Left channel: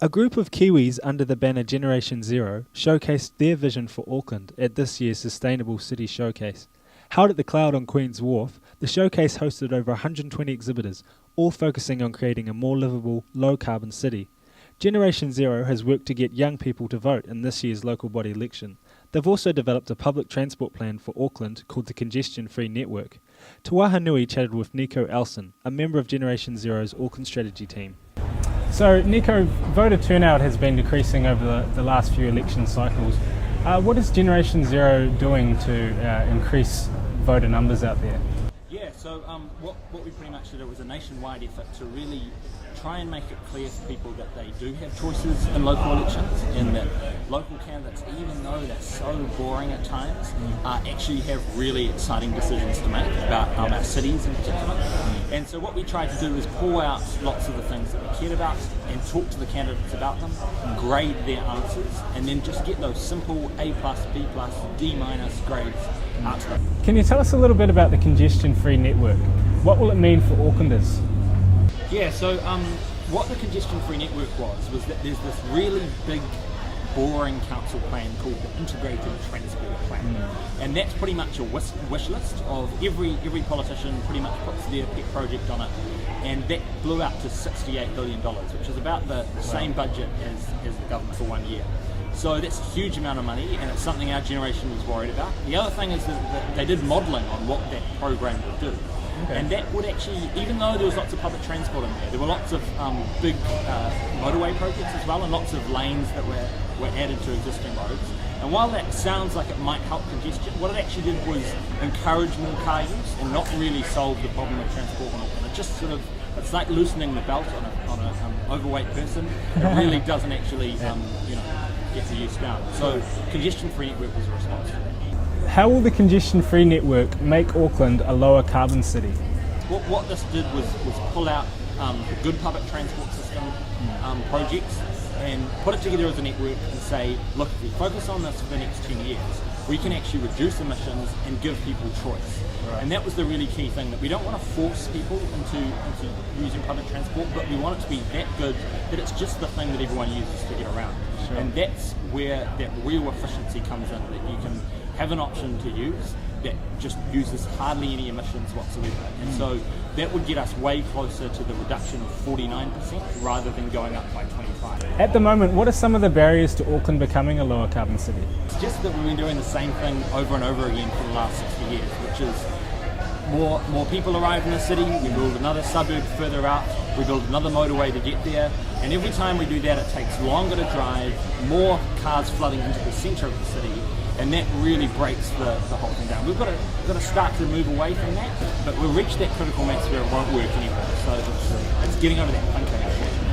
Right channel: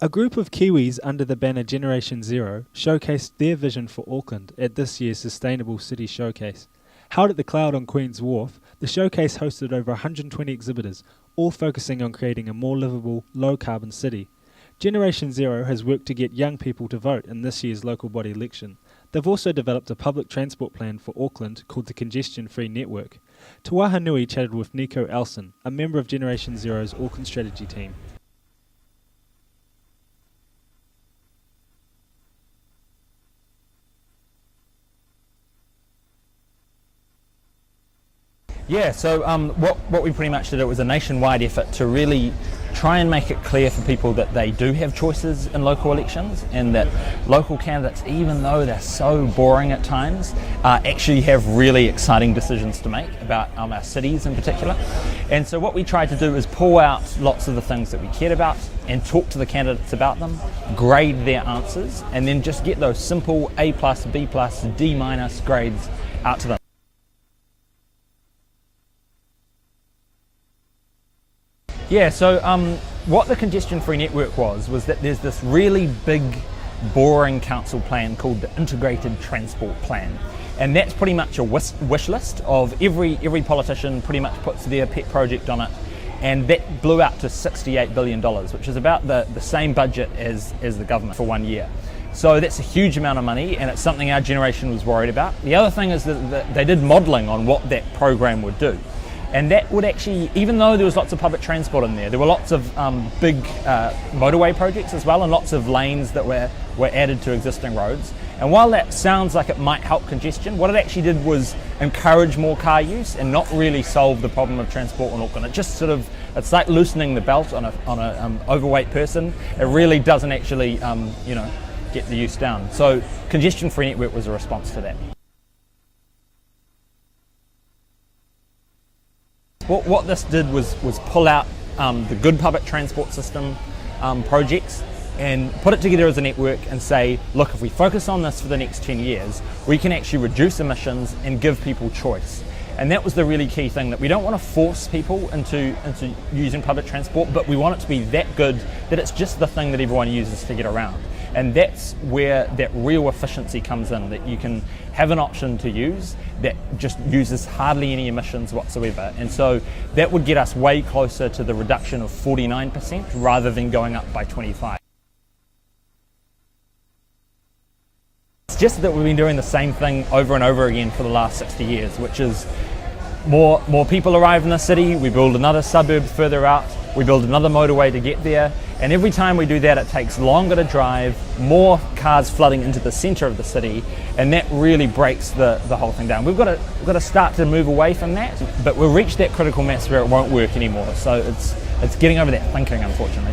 A group of Kiwis under the banner Generation Zero showcased their vision for Auckland at this year's Sustainable City Showcase. Held at the Cloud on Queen's Wharf, the showcase hosted over 120 exhibitors, all focusing on creating a more livable, low-carbon city. Generation Zero has worked to get young people to vote in this year's local body election. They've also developed a public transport plan for Auckland called the Congestion Free Network. Te Waha Nui chatted with Nico Elson, a member of Generation Zero's Auckland strategy team. So, Nico, voter turnout has been decreasing over the last few election cycles. What is Generation Zero doing to increase voter numbers out there? Yeah, so what we pretty much did, it was a nationwide effort to really try and make it clear for people that they do have choices in local elections, and that local candidates, even though they're so boring at times, actually have really exciting decisions to make about our cities in particular. And so what we tried to do is pull out lots of the things that we cared about and talk to the candidates about them, grade their answers, and then just get those simple A+, B+, D- grades out to them. Can you tell us a little bit about the Congestion Free Network? What will it mean for Aucklanders? Yeah, so what the Congestion Free Network was that there's this really big, boring council plan called the Integrated Transport Plan. And that's pretty much a wish list of every politician pretty much puts their pet project on it. And that blew out to $68 billion, which is about the same budget as the government for 1 year. So that's a huge amount of money, and it's something our generation was worried about. The other thing is that they did modelling on what that program would do. And that would actually, even though there was lots of public transport in there were lots of big motorway projects as well, and lots of lanes that were added to existing roads. And while that sounds like it might help congestion, what it actually did was encourage more car use and not really solve the problem of transport in Auckland. It just sort of, it's like loosening the belt on a overweight person. It really doesn't actually, get the use down. So Congestion Free Network was a response to that. How will the Congestion Free Network make Auckland a lower carbon city? What this did was pull out the good public transport system projects and put it together as a network and say, look, if we focus on this for the next 10 years, we can actually reduce emissions and give people choice. And that was the really key thing, that we don't want to force people into using public transport, but we want it to be that good that it's just the thing that everyone uses to get around. And that's where that real efficiency comes in, that you can have an option to use that just uses hardly any emissions whatsoever. And so that would get us way closer to the reduction of 49% rather than going up by 25%. At the moment, what are some of the barriers to Auckland becoming a lower carbon city? It's just that we've been doing the same thing over and over again for the last 60 years, which is more people arrive in the city, we build another suburb further out, we build another motorway to get there, and every time we do that it takes longer to drive, more cars flooding into the centre of the city, and that really breaks the whole thing down. We've got to start to move away from that, but we've reached that critical mass where it won't work anymore, so it's getting over that thinking, unfortunately.